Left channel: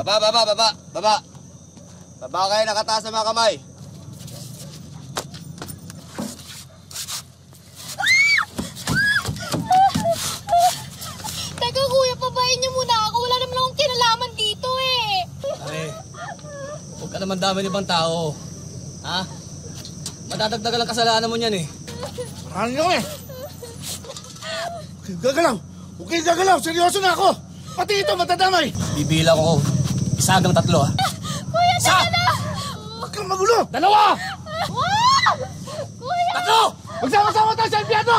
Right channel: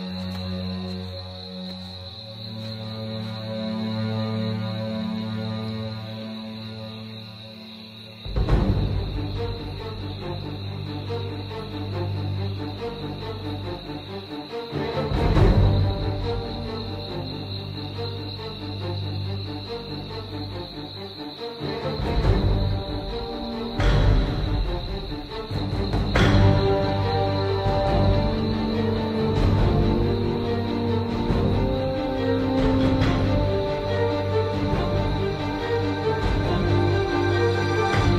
Baba! Baba kayo, nakataas sa mga kamay. Teka, kuya, pabayin niyo muna ako. Wala naman akong kinalaman dito eh. Huwag ka naman dami ibang tao. Ha? Matadagdagan ang kasalanan mo niyan eh. Ano eh? Gagalaw! Gagalaw! Seryoso na ako! Pati ito matadamay! Bibilang ko. Isa hanggang 3 ha. Kuya, teka na! Huwag kang magulo! 2! Kuya! Ako! Magsama-sama tayo sa impyerno!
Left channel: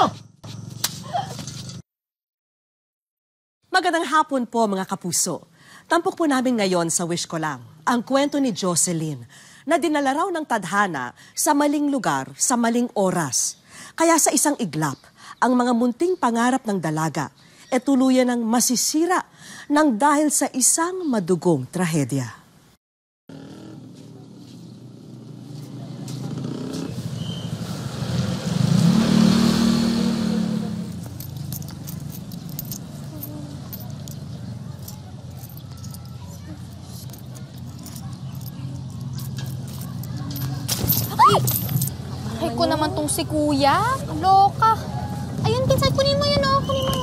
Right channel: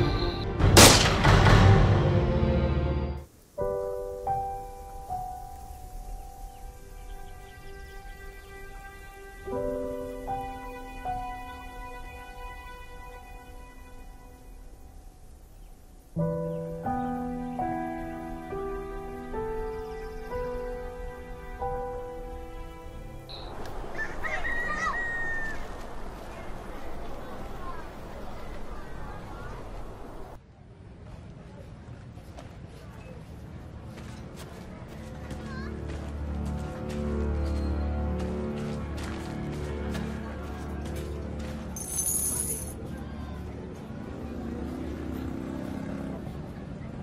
Magandang hapon po mga kapuso. Tampok po namin ngayon sa Wish Ko Lang ang kwento ni Jocelyn na dinala raw ng tadhana sa maling lugar sa maling oras. Kaya sa isang iglap, ang mga munting pangarap ng dalaga e tuluyan ng masisira nang dahil sa isang madugong trahedya. Ay ko naman tong si kuya. Loka. Ayun, pinsan, kunin mo yun, oh. Kunin mo.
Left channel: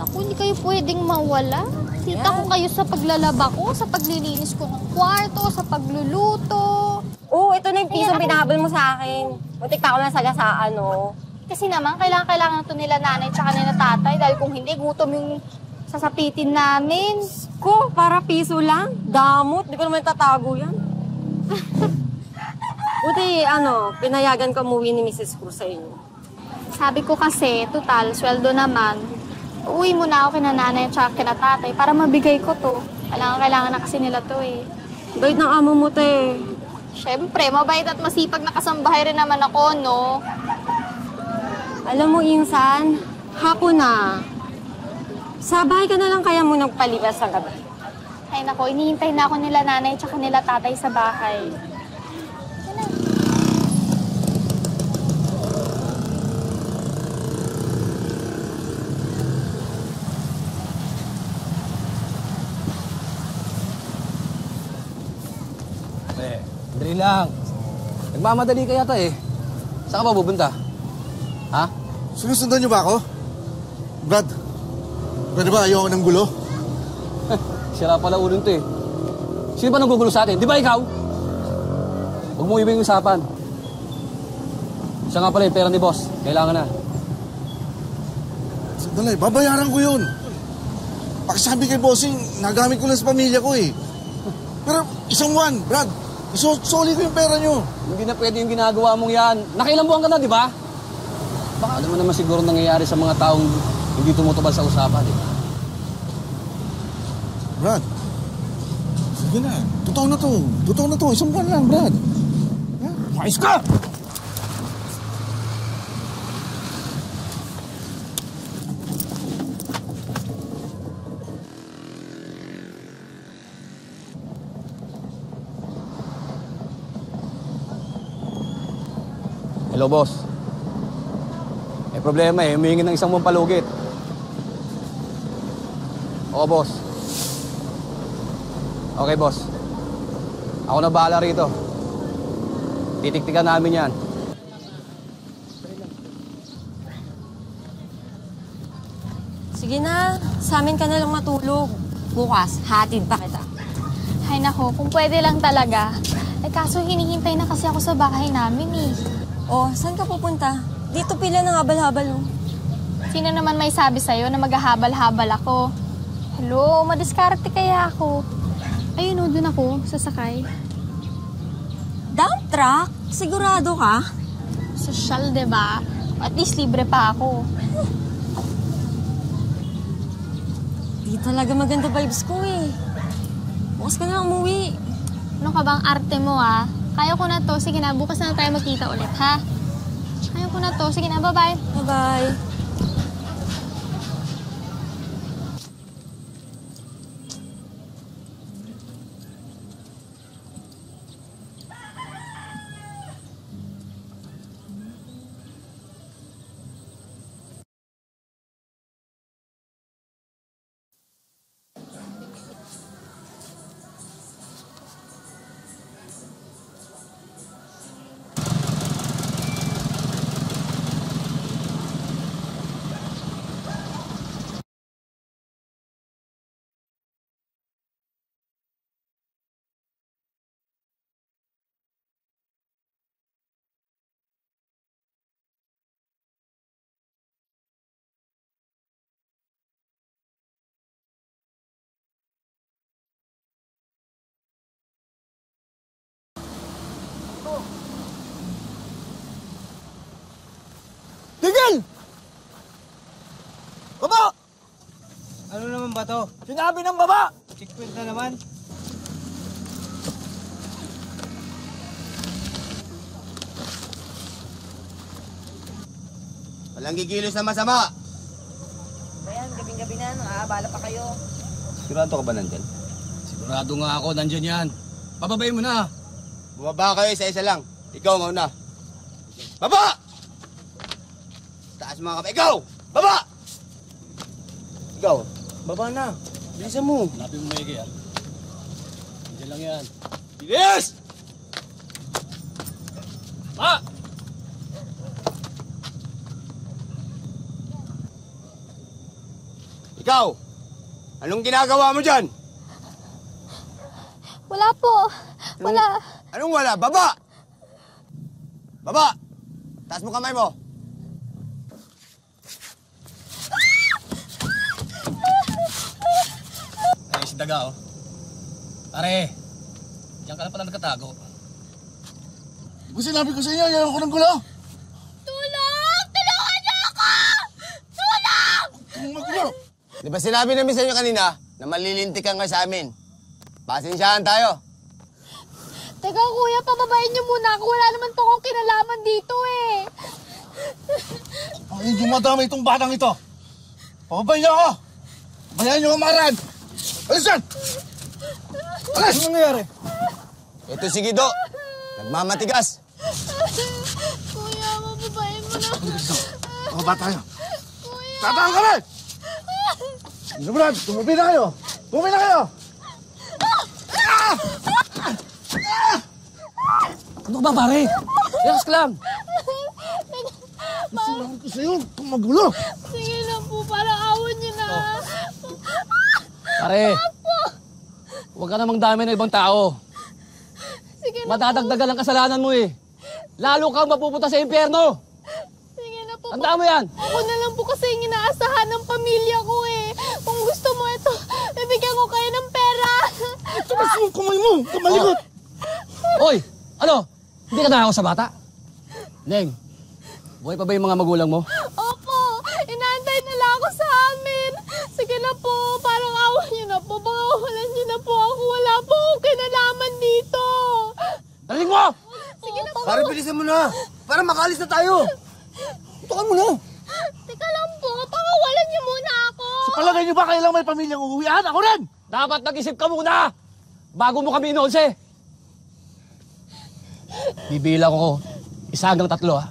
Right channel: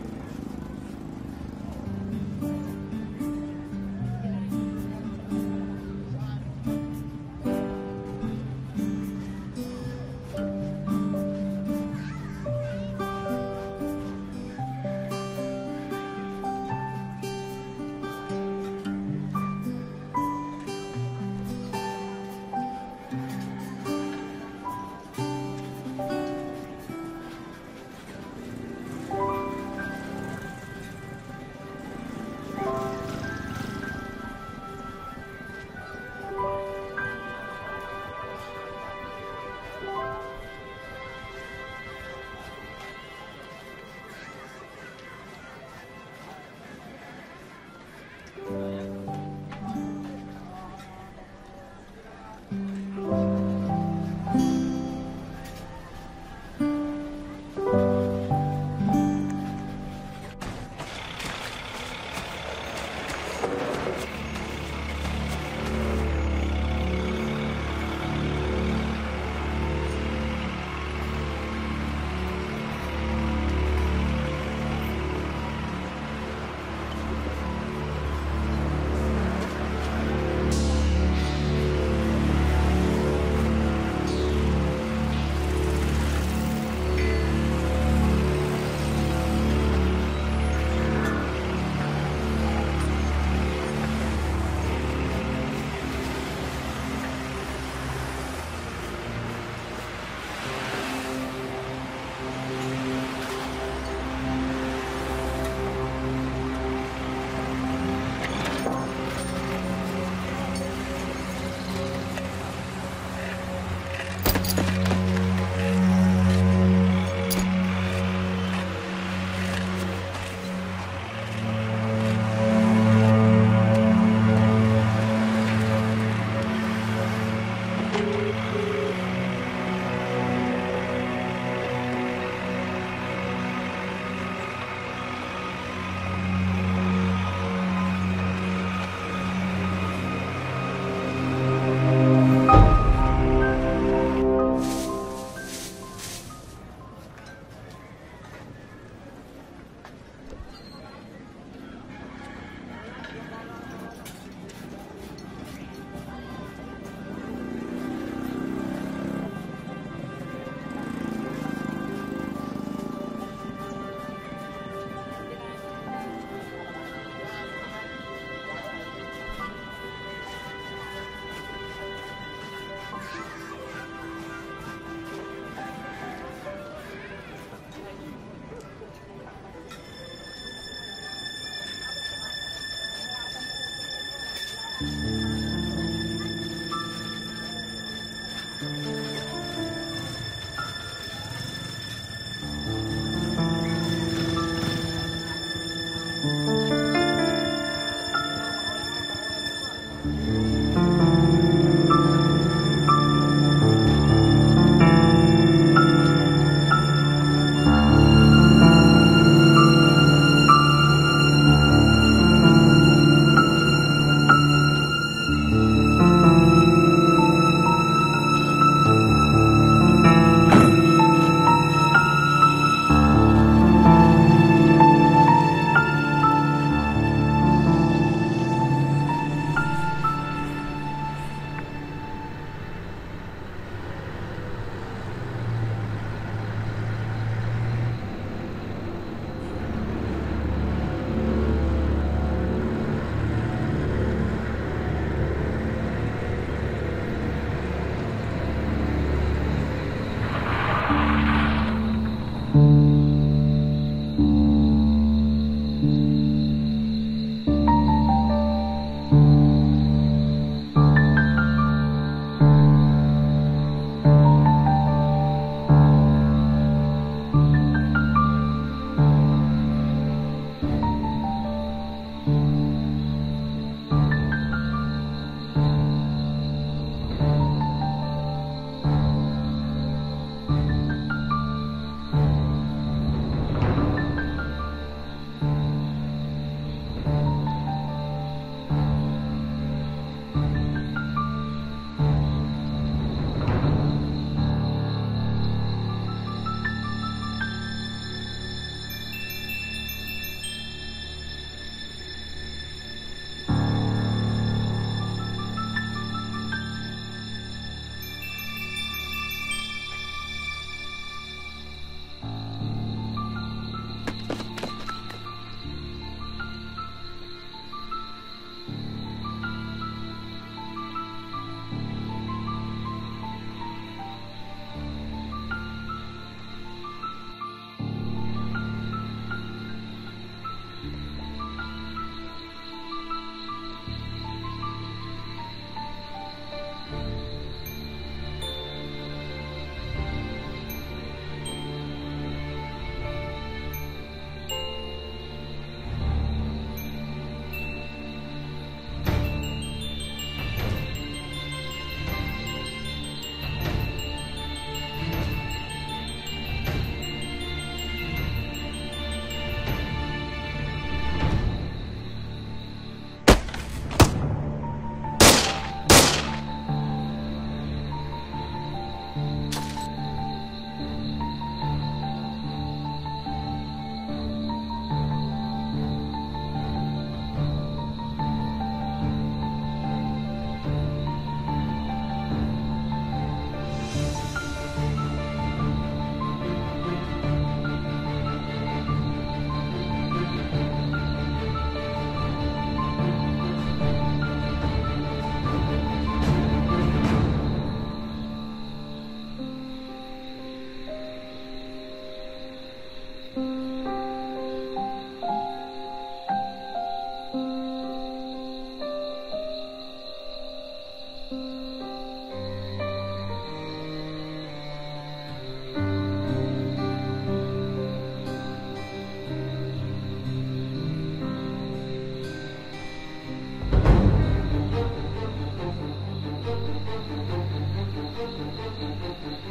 Naku, hindi kayo pwedeng mawala. Kita ko kayo sa paglalaba ko, sa paglilinis ko ng kwarto, sa pagluluto. Oo, ito na yung pisang pinahabol mo sa akin. Muntik pa ako na sagasaan, no? Kasi naman, kailangan ito nila nanay tsaka nila tatay dahil kung hindi, gutom yung sasapitin namin. Ko, para piso lang? Damot, di ko naman tatago yan. Buti, pinayagan ko umuwi ni Mrs. ko sa inyo. Sabi ko kasi, total, sweldo naman. Uwi muna ako kina nanay at kina tatay para mabigay ko to. Kailangan na kasi nila to eh. Bait ng amo mo, te. Siyempre, mabait at masipag na kasambahay rin naman ako, no? Alam mo, Insan, hapon na. Sa bahay ka na lang kaya mo nagpalipas sa gabi. Ay nako, inihintay na ako nila nanay at nila tatay sa bahay. Dali lang. Nagmamadali ka yata eh. Saan ka ba pupunta? Ha? Sinusundan niyo ba ako? Brad, pwede ba ayoko ng gulo? Sira pala ulo nito eh. Sino ba nanggugulo sa atin? Di ba ikaw? Huwag mo ibig usapan. Siya nga pala yung pera ni boss. Kailangan na. Sandali, babayaran ko yun. Pakisabi kay bossing, nagamit ko lang sa pamilya ko eh. Pero isang buwan, Brad, soli ko yung pera niyo. Hindi na pwede yung ginagawa mong yan. Nakailang buwan ka na, di ba? Baka naman siguro nangyayari sa mga taong hindi tumutubal sa usapan. Brad, sige na. Totoo na to. Totoo na to. Isang buwan lang, Brad. Ayos ka! Hello, boss. May problema eh. Humihingi ng isang buwang palugit. Oo, boss. Okay, boss. Ako na bahala rito. Titiktikan namin yan. Sige na, sa amin ka na lang matulog. Bukas, hatid pa kita. Ay nako, kung pwede lang talaga. Eh kaso hinihintay na kasi ako sa bahay namin eh. Oh, saan ka pupunta? Dito pila ng habal-habal. Sino naman may sabi sa'yo na maghahabal-habal ako? Hello, madiskarte kaya ako. Ayun o, dun ako, sasakay. Dump truck? Sigurado ka? Sosyal, diba? At least libre pa ako. Di talaga maganda vibes ko eh. Bukas ka na umuwi. Ano ka bang arte mo ah? Kaya ko na to. Sige na, bukas na tayo magkita ulit, ha? Kaya ko na to. Sige na, bye-bye. Bye-bye. Tigil! Baba! Ano naman ba to? Sinabi ng baba! Sipit na naman. Walang kikilos na masama. Sigurado ka ba nandyan? Sigurado nga ako, nandiyan yan. Pababayin mo na. Bumaba kayo isa-isa lang. Ikaw mauna. Baba! Taas mga kamay. Ikaw! Baba! Ikaw, baba na. Bilisan mo. Sabi mo, Megi, ah. Yan lang yan. Yes! Ah! Ikaw! Anong ginagawa mo dyan? Wala po. Wala. Anong wala? Baba! Baba! Taas mo kamay mo. Ay, si Daga, oh. Pare, diyan ka na pala nagkatago. Kung sinabi ko sa inyo, ayaw ko ng gulo. Tulong! Tulungan niyo ako! Tulong! Magulo! Di ba sinabi namin sa inyo kanina na malilintikan ka sa amin? Pasensyahan tayo. Teka, kuya, pababayin niyo muna ako. Wala naman po akong kinalaman dito eh. Hindi madama itong batang ito. Pababay niyo ako! Bayan niyo kamarad! Alis yan! Alis! Ano nangyayari? Ito si Gido. Nagmamatigas. Kuya, pababayin mo na. Mga bata kayo. Tataan ka rin! Ano Brad? Tumubi na kayo! Tumubi na kayo! Ano ba, pare? Relax lang. Isa yun! Magulo! Sige na po, parang awan niyo na. Pare, huwag ka namang dami ng ibang tao. Sige na, Matatagdagan ang kasalanan mo eh. Lalo kang mapupunta sa impyerno. sige na po. Tandaan mo yan. Ako na lang po kasi yung inaasahan ng pamilya ko eh. Kung gusto mo ito, bibigyan ko kayo ng pera. Tumas mo! Kumay mo! Kumalikot! Hoy, ano? Hindi ka nakakaw sa bata? Neng, buhay pa ba yung mga magulang mo? Opo, inaantay nila ako sa amin. Sige na po, parang awan niyo na po. Pakawalan niyo na po ako. Wala po akong kinalaman dito. Narinig mo! Sige na po. Pare, bilisan mo na. Para makalis na tayo. Tukan mo na! Teka lang po, pakawalan niyo muna ako. Palagay niyo ba kailang may pamilyang uuwian? Ako rin! Dapat nag-isip ka muna! Bago mo kami inolse. Bibila ko 1 hanggang 3, ah.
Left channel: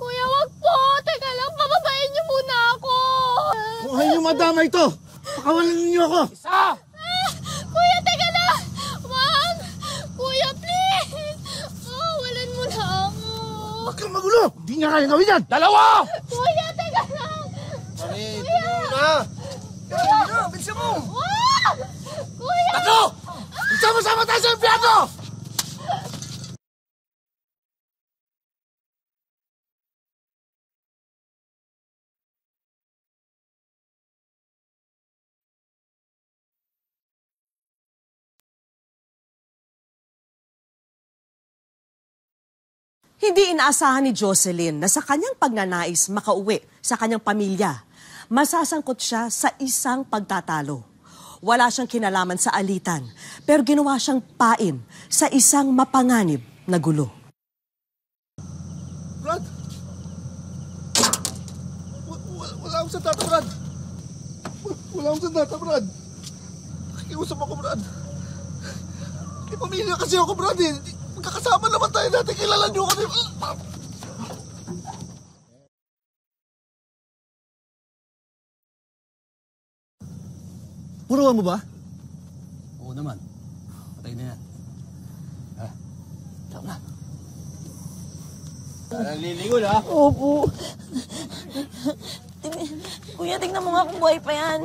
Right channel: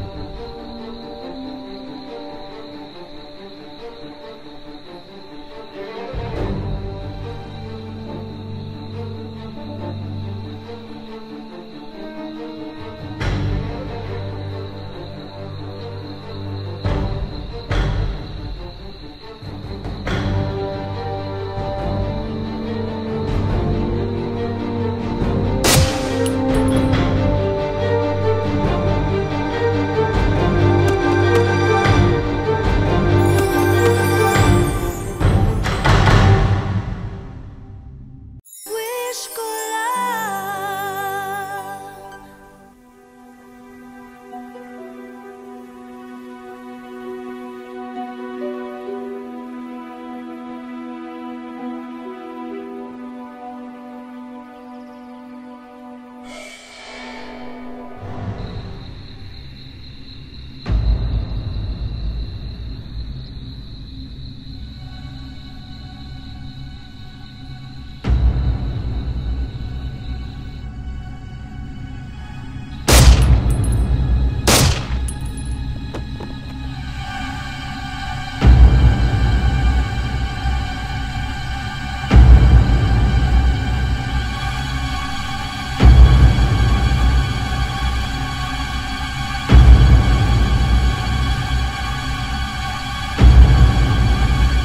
Kuya, wag po. Teka lang, pababayin niyo muna ako. Kung ayaw niyo madama ito, pakawalan niyo ako! Ah! Kuya, teka lang. Wag. Kuya, please. Pakawalan mo na ako. Huwag kang magulo! Hindi niya kaya gawin yan! 2! Kuya, teka lang. Kuya. Na! Kuya. Gusto mo? Kuya. Ano? Sama-sama tayo sa impyerno! Hindi inaasahan ni Jocelyn na sa kanyang pagnanais makauwi sa kanyang pamilya, masasangkot siya sa isang pagtatalo. Wala siyang kinalaman sa alitan, pero ginawa siyang pain sa isang mapanganib na gulo. Brad! Wala akong sandata, Brad! Wala akong sandata, Brad! Nakiusap ako, Brad! May pamilya kasi ako, Brad, eh! Magkakasama naman tayo dati, kilala niyo ako! Turuan mo ba? Opo. Tingnan mo nga kung buhay pa yan.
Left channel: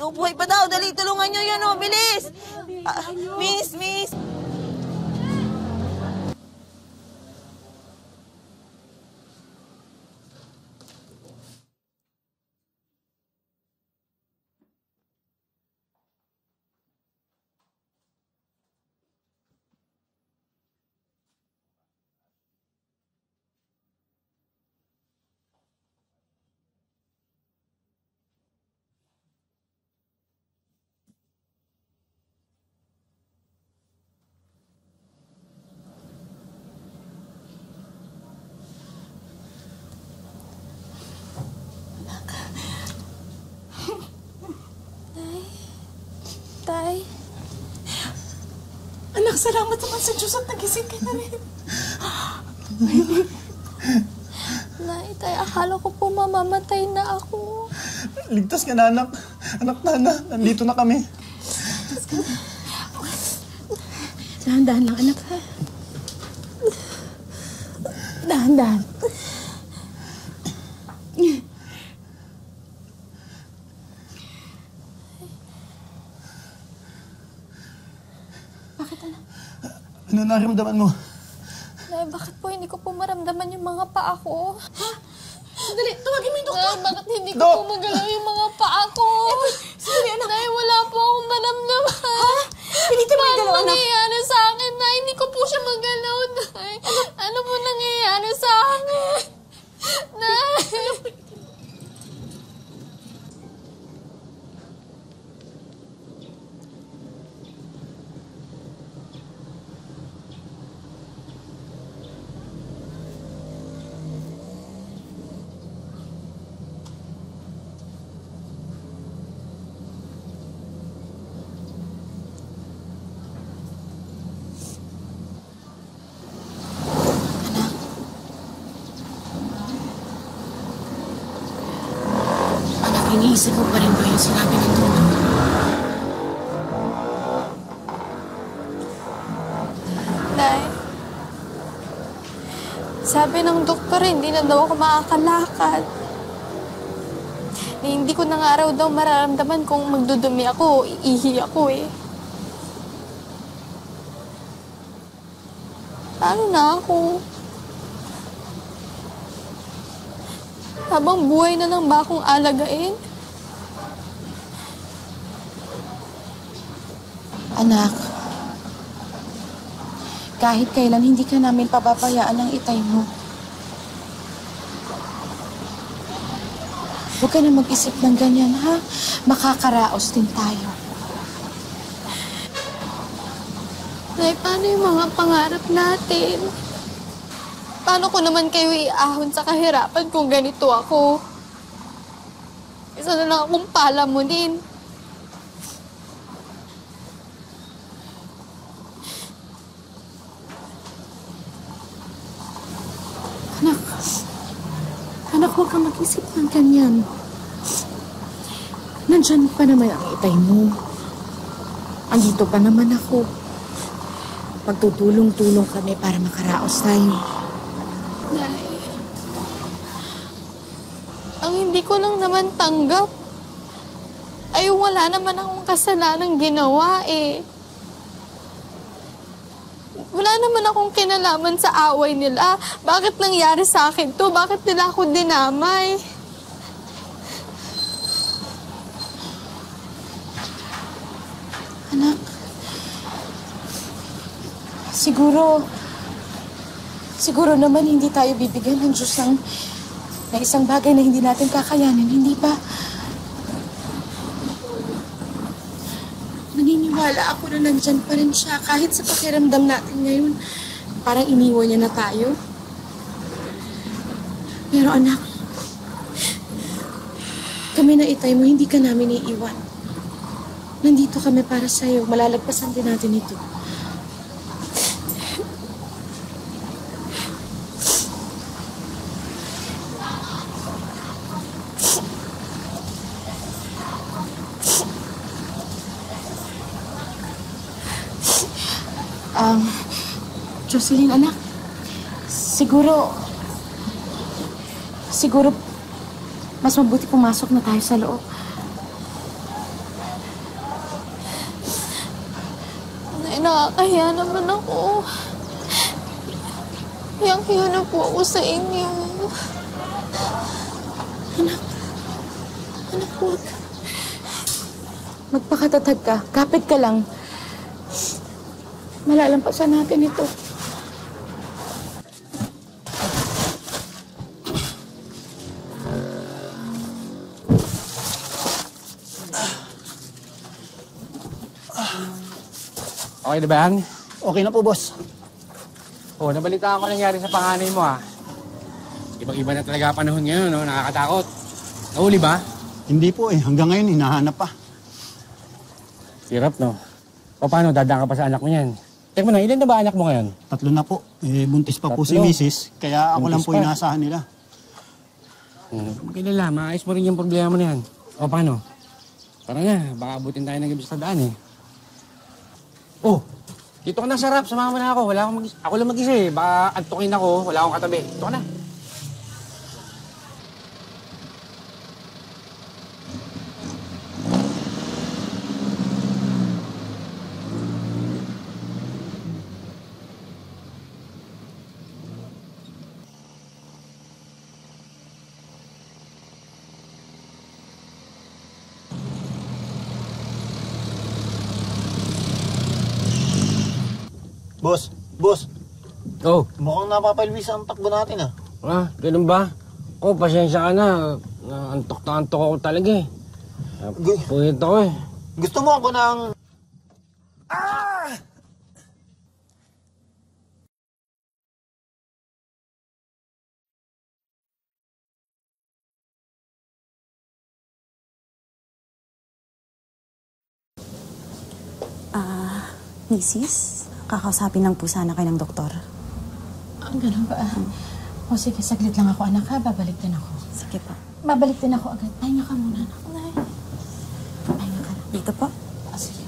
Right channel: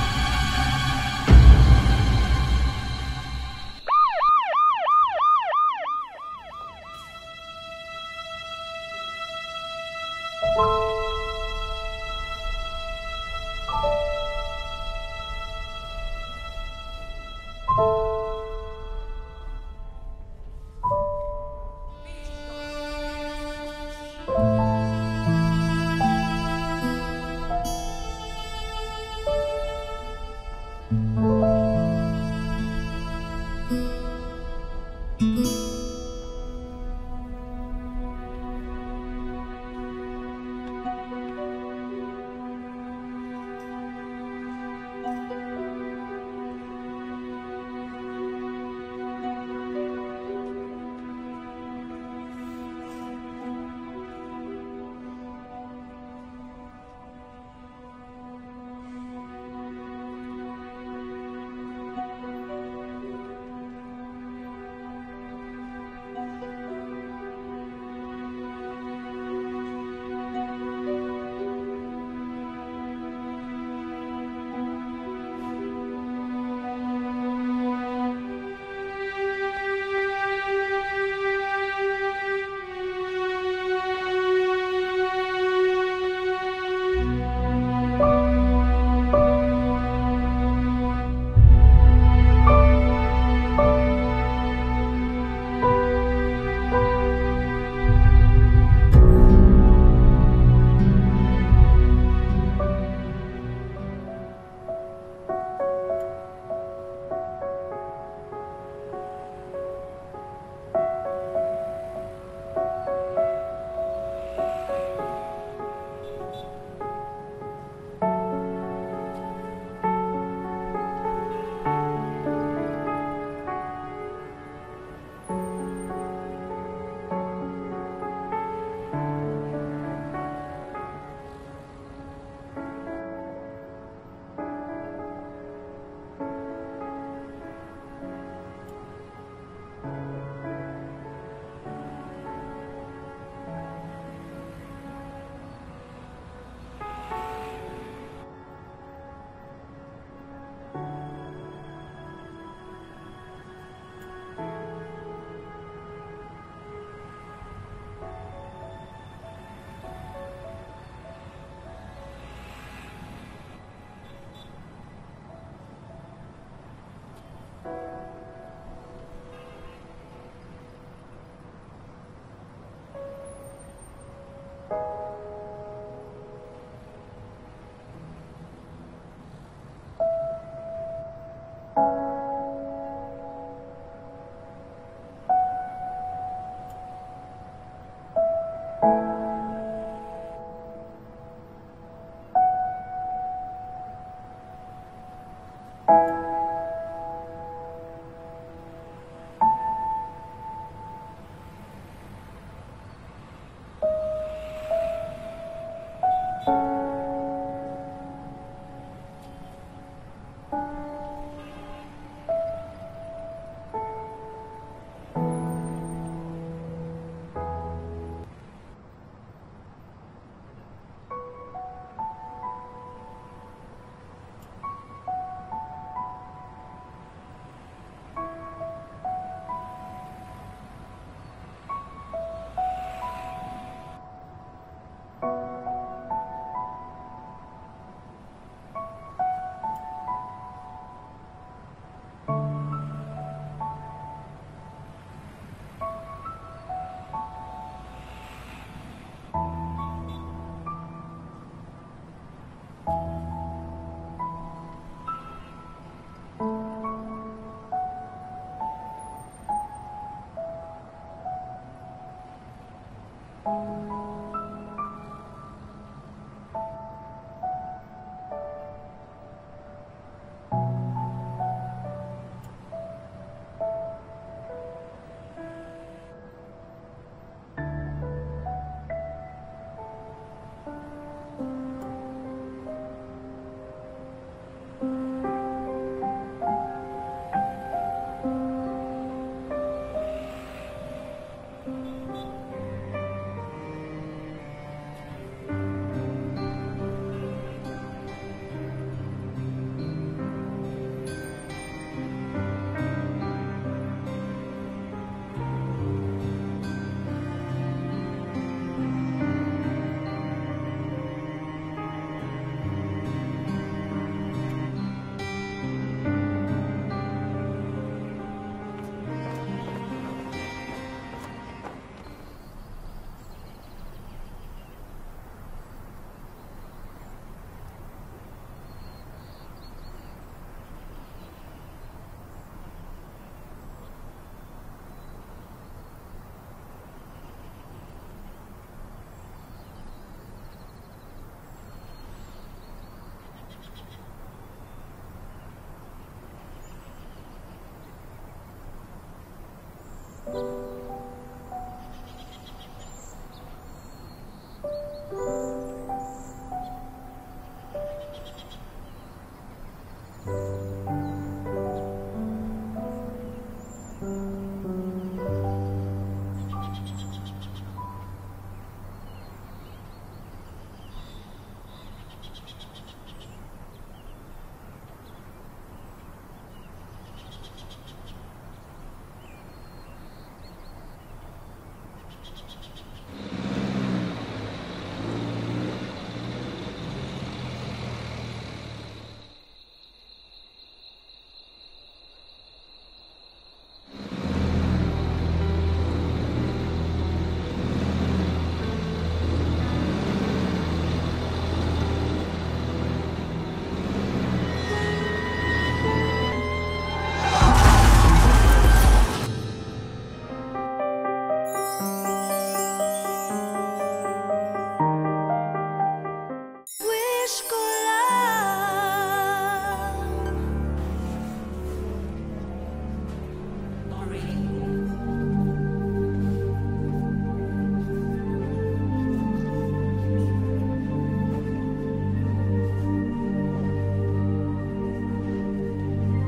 Kung buhay pa daw, dali, tulungan niyo yun, oh, bilis! Miss! Anak, salamat naman sa Diyos at nagising ka na rin. Nay, tay, akala ko po mamamatay na ako. Ligtas ka na, anak. Anak, Nana, nandito na kami. Dahan-dahan lang, anak, ha? Dahan-dahan. Ano nararamdaman mo? Nay, bakit po hindi ko po maramdaman yung mga paa ko? Dali, tawagin mo yung doktor. Bakit hindi ko po magalaw yung mga paa ko? Sige, anak. Nay, wala po akong maramdaman. Hindi ka magalaw, anak. Ano nangyayari sa akin, Nay? Hindi ko po siya magalaw, Nay. Ano po nangyayari sa akin? Nay! Anak, iniisip mo pa rin ba yung sinabi ng doktor? Nay, sabi ng doktor, hindi na daw ako makakalakad. Hindi ko na nga raw daw mararamdaman kung magdudumi ako o iihi ako eh. Paano na ako? Habang buhay na lang ba akong alagain? Anak, kahit kailan hindi ka namin pababayaan ng itay mo. Huwag ka na mag-isip ng ganyan, ha? Makakaraos din tayo. Nay, paano yung mga pangarap natin? Paano ko naman kayo iahon sa kahirapan kung ganito ako? Isa na lang akong palamunin. Anak, huwag kang mag-isip ng ganyan. Nandyan pa naman ang itay mo. Andito pa naman ako. Magtutulong-tulong kami para makaraos tayo. Nay, ang hindi ko lang naman tanggap ay wala naman akong kasalanang ginawa eh. Wala naman akong kinalaman sa away nila. Bakit nangyari sa akin to? Bakit nila ako dinamay? Anak, siguro naman hindi tayo bibigyan ng Diyos ng isang bagay na hindi natin kakayanin, hindi ba? Naniniwala ako na nandyan pa rin siya kahit sa pakiramdam natin ngayon. Parang iniwan niya na tayo. Pero anak, kami na itay mo, hindi ka namin iiwan. Nandito kami para sa'yo. Malalagpasan din natin ito. Jocelyn, anak, siguro mas mabuti pumasok na tayo sa loob. Nay, nakakahiya naman ako. Hiyang-hiya na po ako sa inyo. Anak, huwag. Magpakatatag ka. Kapit ka lang. Malalampasan natin ito. Okay na ba yan? Okay na po, boss. Oh, nabalitaan ko nangyari sa panganay mo, ha? Ibang-iba na talaga panahon ngayon, no? Nakakatakot. Nahuli ba? Hindi po eh. Hanggang ngayon, hinahanap pa. Hirap, no? O paano, dadaan ka pa sa anak mo yan? Teka mo na, ilan na ba anak mo ngayon? 3 na po. Buntis pa po si Tatlo. Mrs. Kaya ako lang Buntis po pa. inaasahan nila. Magkilala, maayos mo rin yung problema mo na yan. O paano? Tara na, baka abutin tayo ng gabi sa daan eh. Oh, dito ka na sa harap, samahan mo na ako. Ako lang mag-isa eh. Baka antukin ako, wala akong katabi. Dito ka na. Boss, Oh, mukhang napapalmis ang takbo natin ganun ba? Oh, pasensya ka na. Antok na antok ako talaga eh. Ito ko eh. Gusto mo ako ng... Mrs., kakausapin lang po sana kayo ng doktor. Ganun ba? O sige, saglit lang ako, anak ha. Babalik din ako. Sige po. Babalik din ako agad. Ay, naka muna. Dito po. Sige.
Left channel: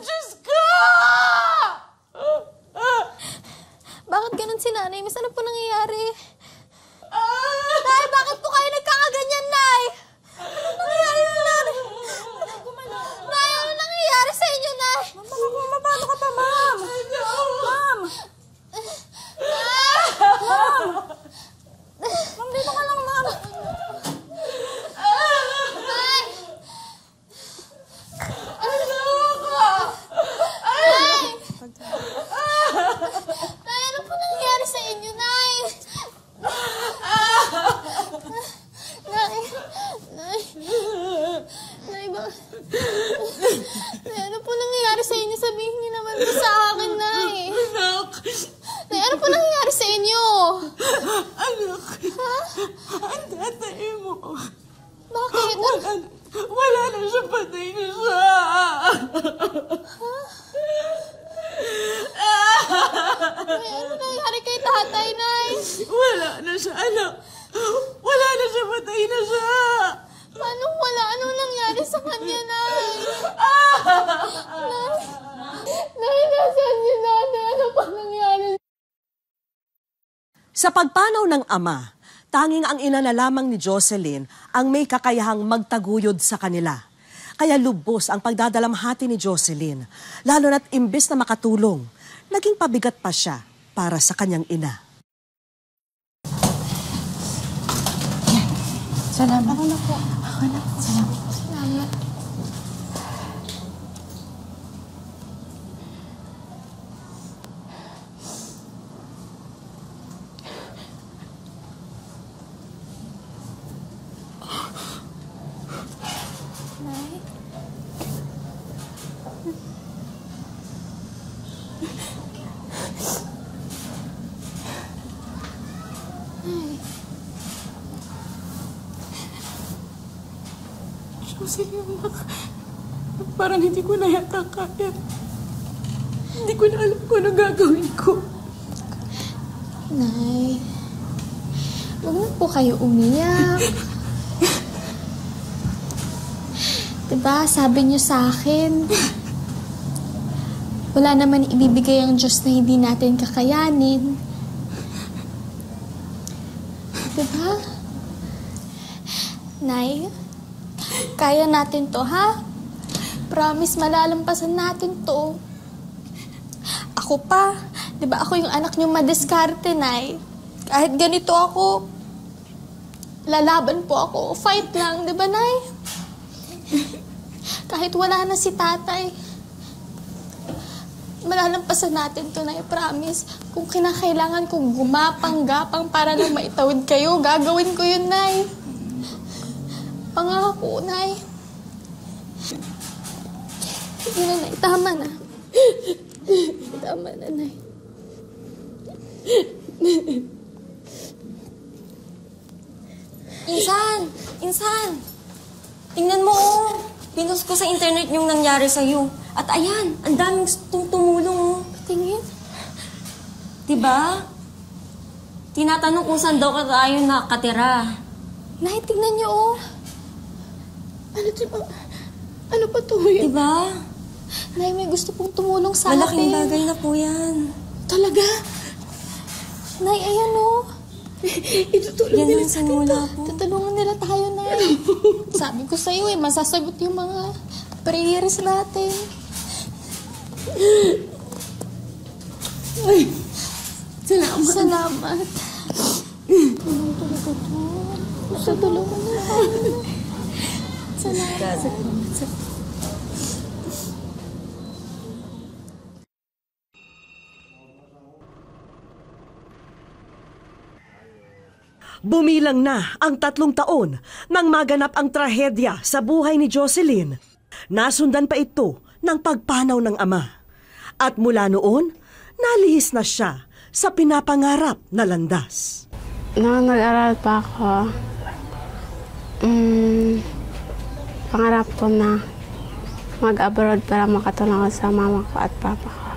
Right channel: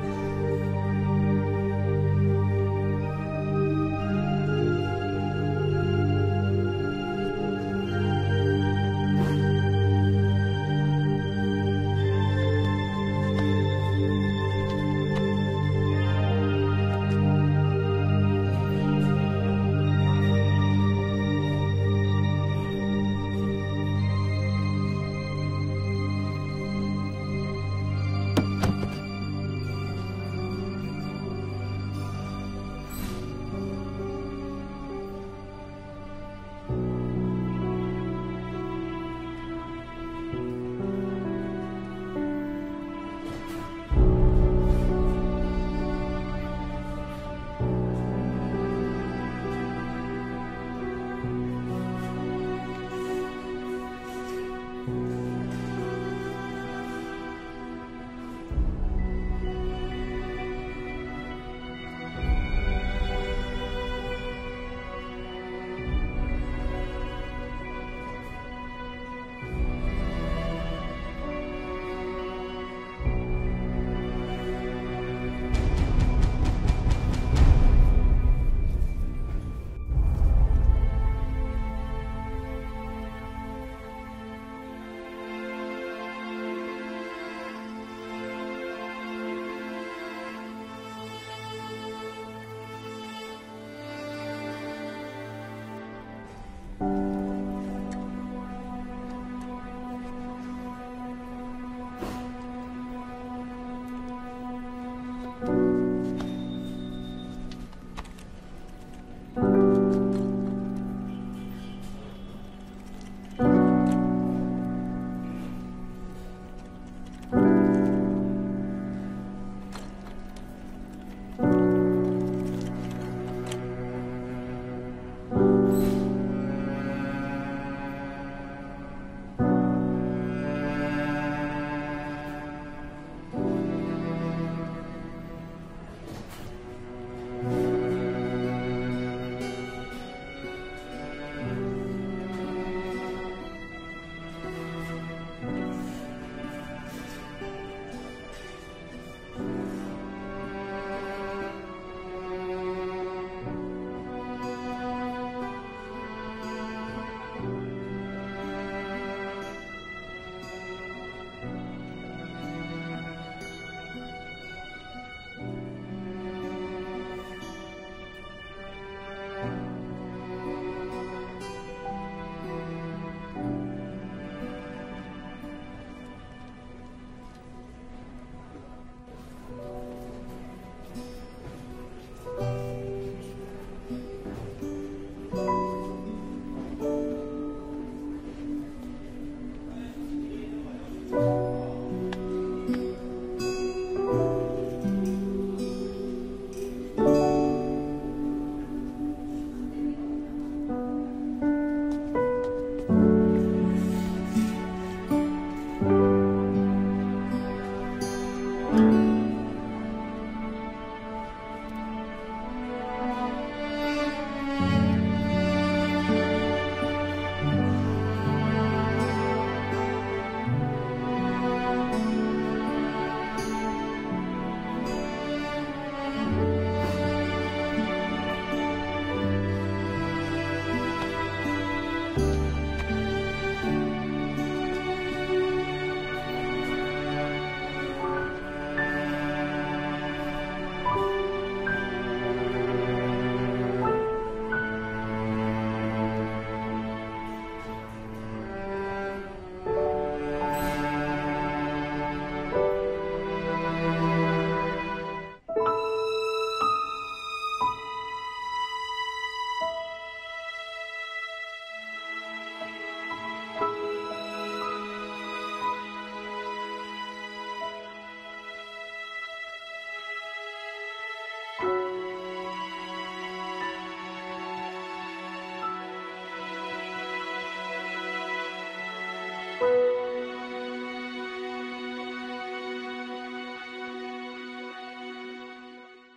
Diyos ko! Bakit ganun si nanay? Miss, ano po nangyayari? Nay, bakit po kayo nagkakaganyan, Nay? Ano nangyayari sa nanay? Nay, ano nangyayari sa inyo, Nay? Paano ka pa, Ma'am? Ma'am! Ma'am, dito ka lang, Ma'am. Nay! Nay! Nay, ano po nangyayari sa inyo, Nay? Nay! Nay! Nay, Nay, ano po nangyayari sa inyo? Sabihin niyo naman po sa akin, Nay. Nay, ano po nangyayari sa inyo? Anak, Ha? ang tatay mo. Bakit? Wala na siya, patay na siya. Nay, ano nangyayari kay tatay, Nay? Wala na siya, anak. Wala na siya, patay na siya. Paano wala? Anong nangyari sa kanya, Nay? Nay, nasaan si nanay? Ano pa nangyari? Sa pagpanaw ng ama, tanging ang ina na lamang ni Jocelyn ang may kakayahang magtaguyod sa kanila. Kaya lubos ang pagdadalamhati ni Jocelyn, lalo na't imbes na makatulong, naging pabigat pa siya para sa kanyang ina. Salamat. Ako na po. Ako na. Salamat. Salamat. Parang hindi ko na yata kaya. Hindi ko na alam kung anong gagawin ko. Nay, huwag na po kayo umiyak. Diba, sabi niyo sa akin, wala naman ibibigay ang Diyos na hindi natin kakayanin. Diba? Nay, kaya natin to, ha? Promise, malalampasan natin to. Ako pa, di ba ako yung anak niyo madiskarte, Nay? Kahit ganito ako, lalaban po ako. Fight lang, di ba, Nay? Kahit wala na si tatay, malalampasan natin to, Nay. Promise. Kung kinakailangan kong gumapang-gapang para lang maitawid kayo, gagawin ko yun, Nay. Pangako, Nay. Sige na, Nay. Tama na. Tama na, Nay. Insan, tingnan mo, oh. Pinost ko sa internet yung nangyari sa'yo. At ayan, ang daming tumulong, oh. Tingin. Diba? Tinatanong kung saan daw tayo nakatira. Nay, tingnan niyo, oh. Ano to ba? Ano ba to? Diba? Nay, may gusto pong tumulong sa akin. Malaking bagay na po yan. Talaga? Nay, ayan, oh. Yan ang sanula. Tutulungan nila tayo na. Sabi ko sa'yo eh, masasagot yung mga prayers natin. Salamat. Salamat. Gusto tulungan nila. Salamat. Bumilang na ang 3 taon nang maganap ang trahedya sa buhay ni Jocelyn. Nasundan pa ito ng pagpanaw ng ama. At mula noon, nalihis na siya sa pinapangarap na landas. Noong nag-aral pa ako, pangarap ko na mag-abroad para makatulong sa mama ko at papa ko.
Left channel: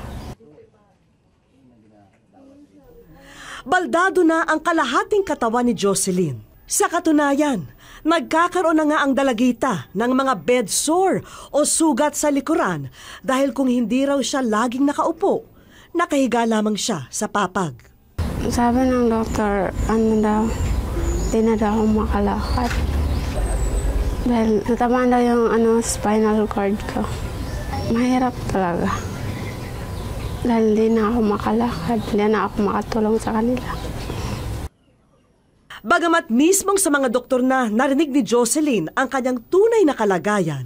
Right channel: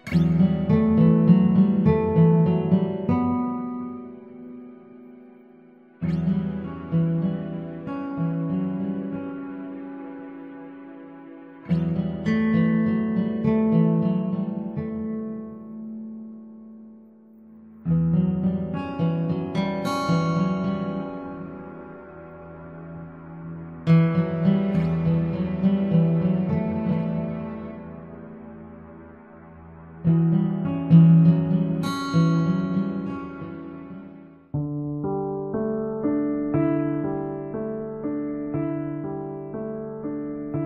Baldado na ang kalahating katawan ni Jocelyn. Sa katunayan, nagkakaroon na nga ang dalagita ng mga bed sore o sugat sa likuran dahil kung hindi raw siya laging nakaupo, nakahiga lamang siya sa papag. Sabi ng doktor, di na daw ako makalakad. Dahil natamaan daw yung spinal cord ko. Mahirap talaga. Dahil hindi na ako makalakad, hindi na ako makatulong sa kanila. Bagamat mismong sa mga doktor na narinig ni Jocelyn ang kanyang tunay na kalagayan,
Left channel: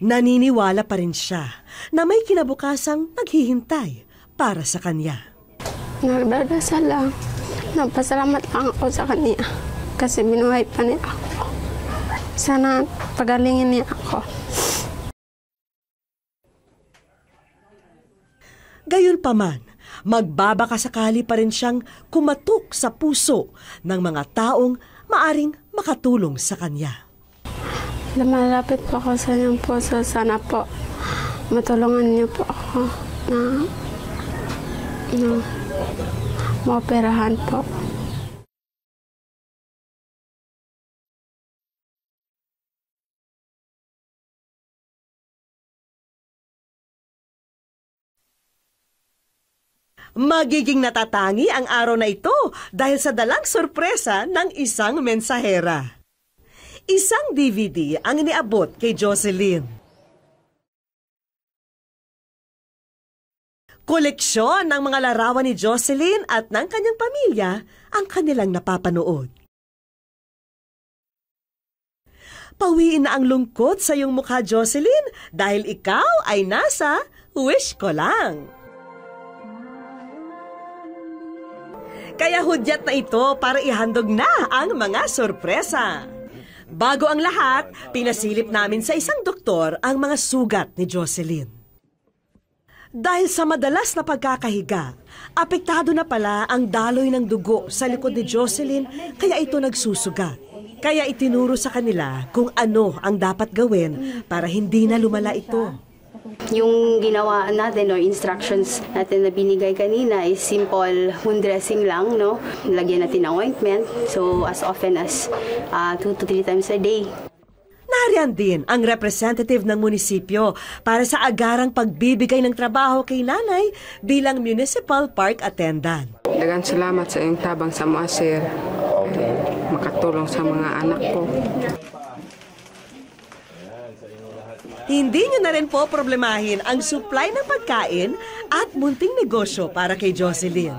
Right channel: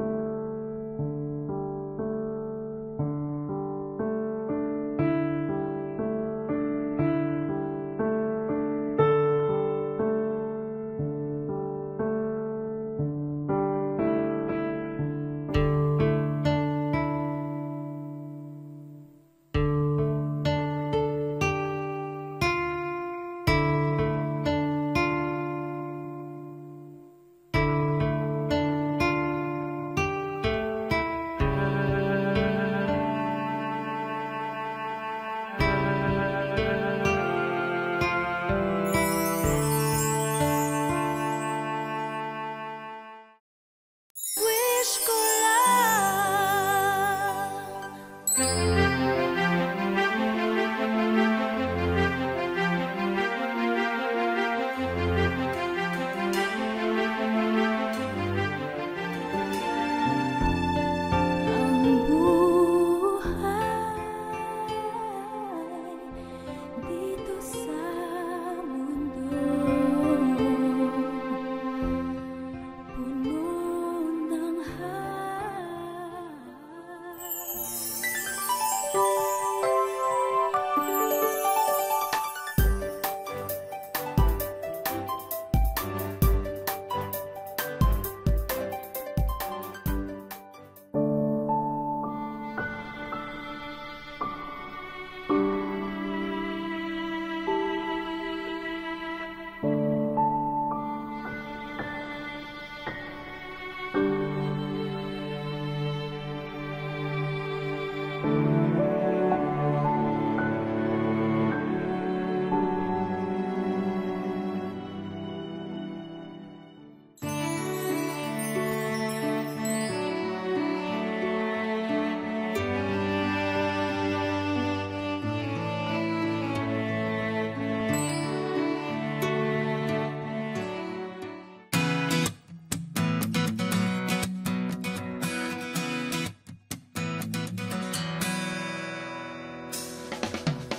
naniniwala pa rin siya na may kinabukasang maghihintay para sa kanya. Nagdadasal lang. Nagpasalamat lang ako sa kanya kasi binuhay pa niya ako. Sana pagalingin niya ako. Gayunpaman, magbabakasakali pa rin siyang kumatok sa puso ng mga taong maaring makatulong sa kanya. Lumalapit po ako sa inyong puso. Sana po matulungan niyo po ako na maoperahan po. Magiging natatangi ang araw na ito dahil sa dalang sorpresa ng isang mensahera. Isang DVD ang iniabot kay Jocelyn. Koleksyon ng mga larawan ni Jocelyn at ng kanyang pamilya ang kanilang napapanood. Pawiin na ang lungkot sa iyong mukha, Jocelyn, dahil ikaw ay nasa Wish Ko Lang. Kaya hudyat na ito para ihandog na ang mga sorpresa. Bago ang lahat, pinasilip namin sa isang doktor ang mga sugat ni Jocelyn. Dahil sa madalas na pagkakahiga, apektado na pala ang daloy ng dugo sa likod ni Jocelyn kaya ito nagsusugat. Kaya itinuro sa kanila kung ano ang dapat gawin para hindi na lumala ito. Yung ginawa natin or instructions natin na binigay kanina is simple wound dressing lang, no? Lagyan natin ng ointment. So as often as 2 to 3 times a day. Nariyan din ang representative ng munisipyo para sa agarang pagbibigay ng trabaho kay nanay bilang municipal park attendant. Daghang salamat sa iyong tabang sa mga sir. Makatulong sa mga anak ko. Hindi niyo na rin po problemahin ang supply ng pagkain at munting negosyo para kay Jocelyn.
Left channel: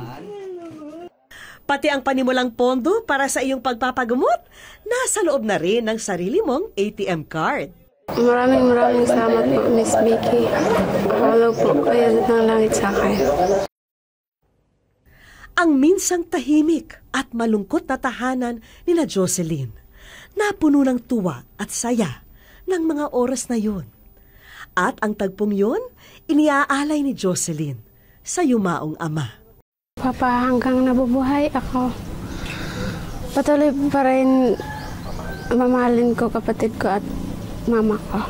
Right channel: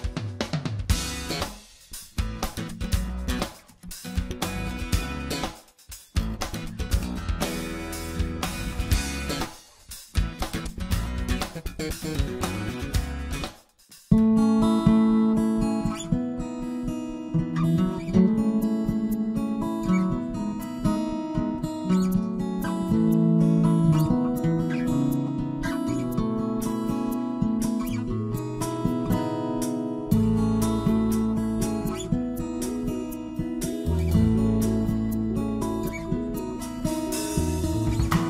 Pati ang panimulang pondo para sa iyong pagpapagamot, nasa loob na rin ng sarili mong ATM card. Maraming salamat po, Miss Vicky. Lalo po kayo ng langit sa akin. Ang minsang tahimik at malungkot na tahanan nila Jocelyn, napuno ng tuwa at saya ng mga oras na yun. At ang tagpong yun, iniaalay ni Jocelyn sa yumaong ama. Papa, hanggang nabubuhay ako, patuloy pa rin mamahalin ko kapatid ko at mama ko.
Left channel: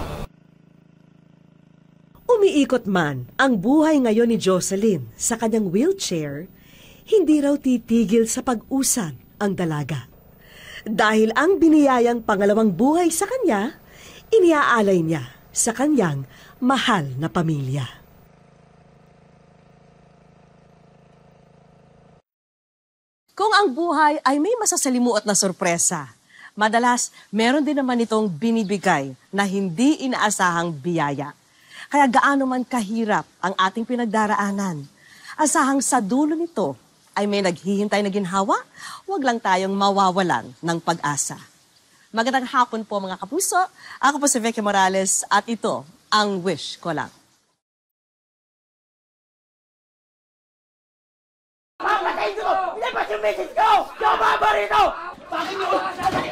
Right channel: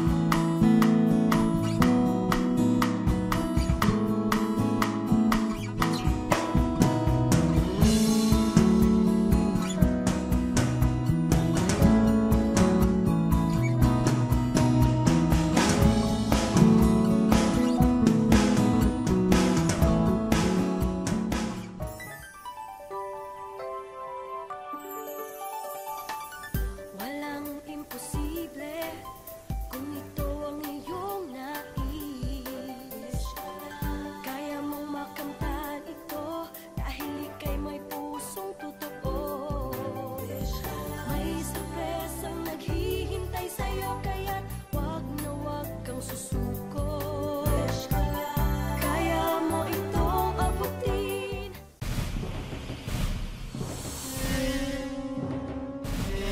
Umiikot man ang buhay ngayon ni Jocelyn sa kanyang wheelchair, hindi raw titigil sa pag-usad ang dalaga. Dahil ang biniyayang pangalawang buhay sa kanya, iniaalay niya sa kanyang mahal na pamilya. Kung ang buhay ay may masasalimuot na sorpresa, madalas meron din naman itong binibigay na hindi inaasahang biyaya. Kaya gaano man kahirap ang ating pinagdaraanan, asahang sa dulo nito ay may naghihintay na ginhawa, huwag lang tayong mawawalan ng pag-asa. Magandang hapon po mga kapuso. Ako po si Vicky Morales at ito ang Wish Ko Lang. Papatayin ko! Ilabas yung message ko! Yung mga barito! Bakit nyo?